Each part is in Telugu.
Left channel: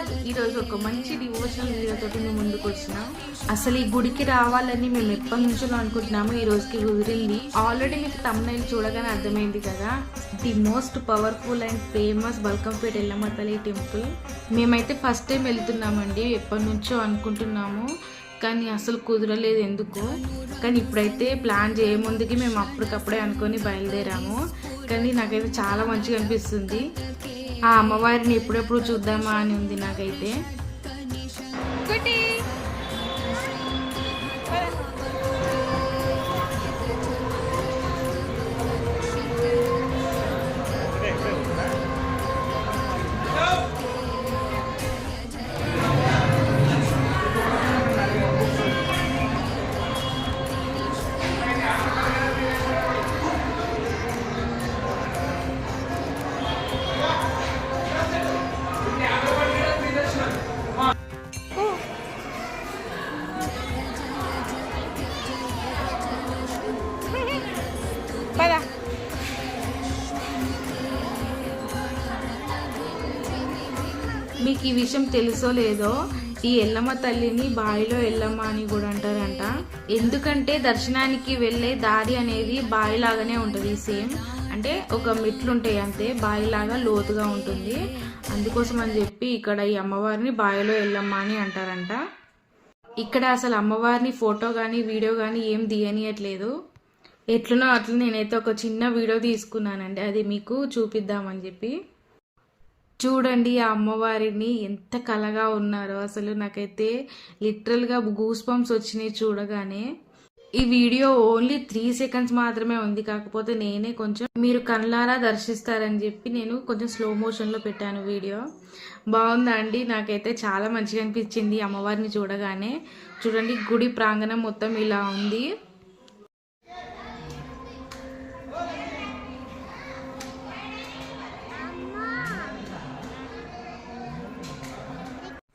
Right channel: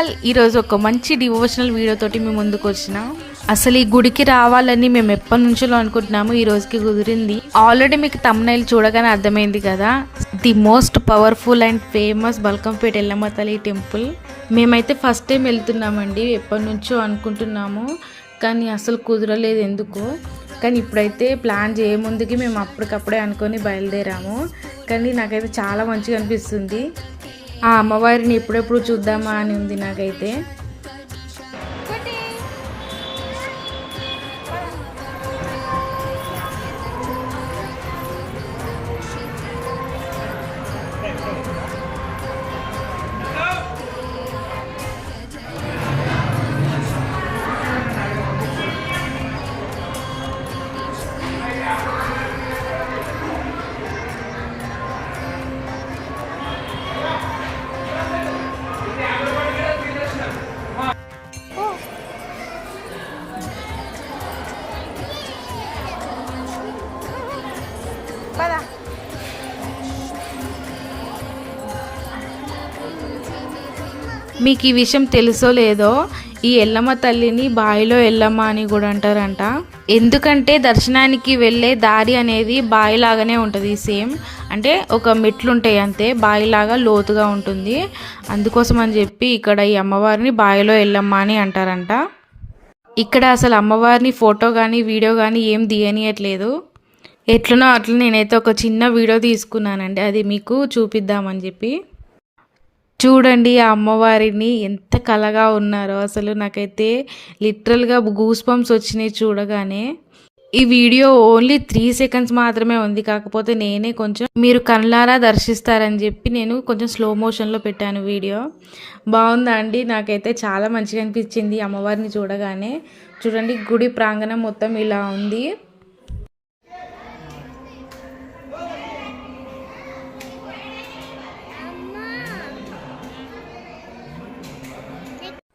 ఆల్, ఈరోజు ఒక మంచి డివోషనల్ వీడియో తోటి మేము ముందుకు వచ్చినాం. అసలు ఈ గుడికి రావాలని మేము ఎప్పటి నుంచో అనుకుంటున్నాము, ఈ రోజుకి కుదిరింది. ఆల్రెడీ మీకు తమ్నైల్ చూడగానే అర్థమైంది కదా, the most powerful and famous Balkampet Yellamma తల్లి టెంపుల్. మేమైతే ఫస్ట్ టైం వెళ్తున్నామండి, ఎప్పటి నుంచో అనుకుంటున్నాము కానీ అసలు కుదరలేదు ఎందుకో. కానీ ఇప్పుడైతే ప్లాన్ చేయముందుకి మేము అప్పటికప్పుడే అనుకొని బయలుదేరాము. కానీ నాకైతే చాలా మంచిగా అనిపిస్తుంది. ఆ అమ్మవారిని ఎప్పుడెప్పుడు చూద్దామా అని ఉంది నాకైతే. మీకు ఈ విషయం తెలుసో లేదో, ఈ ఎల్లమ్మ తల్లిని బావిలో ఎల్లమ్మ అని కూడా అంటారంట. ఎందుకంటే దర్శనానికి వెళ్ళే దారి అనేది బావిలాగానే ఉంటుంది, సేమ్ అంటే ఒక మెట్లు ఉంటాయి అంతే, బావిలాగా లోతుగా ఉంటుంది. అందుకోసం అని చెప్పి ఇక్కడ ఈ అమ్మవారిని బావిలో ఎల్లమ్మ అని అంటారంట. ఇక్కడ అసలు అమ్మవారిని ఫోటో కానీ వీడియో కానీ ఏం తీయనియట్లేదు. ఎట్లనో అట్లా నేనైతే ఒక చిన్న వీడియో తీసుకున్నానండి, అది మీకు చూపిద్దామని చెప్పి. చూడండి ఆ అమ్మవారిని ఎంత కళగా ఉన్నారో, అసలు నాకైతే లిటరల్గా గూస్ బంప్స్ వచ్చినాయి చూడగానే. ఈ వీడియో ఓన్లీ 3 సెకండ్స్ మాత్రమే ఉంది, కాకపోతే నేనే కొంచెం మీరు కళ్ళారా దర్శిస్తారని చెప్పి నేను కొంచెం స్లో మోషన్లో పెట్టాను వీడియో. బాగుందా అండి? నాకైతే చాలా మంచిగా అనిపించింది అమ్మవారిని చూడగానే. చూడండి గుడి ప్రాంగణం మొత్తం ఇలా ఉంది.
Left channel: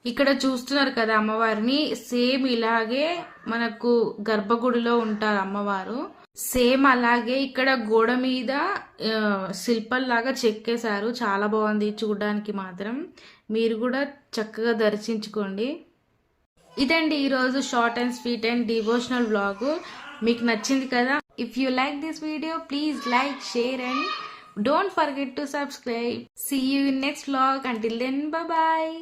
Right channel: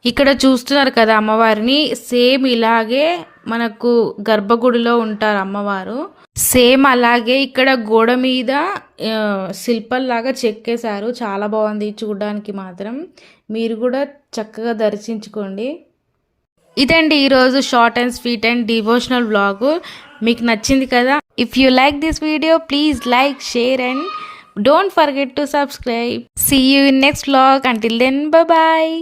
ఇక్కడ చూస్తున్నారు కదా అమ్మవారిని, సేమ్ ఇలాగే మనకు గర్భగుడిలో ఉంటారు అమ్మవారు. సేమ్ అలాగే ఇక్కడ గోడ మీద శిల్పంలాగా చెక్కేశారు, చాలా బాగుంది చూడడానికి మాత్రం. మీరు కూడా చక్కగా దర్శించుకోండి. ఇదండి ఈరోజు short and sweet and devotional vlog. మీకు నచ్చింది కదా? If you like this video please like, share and don't forget to subscribe. See you in next vlog. Until then, bye bye.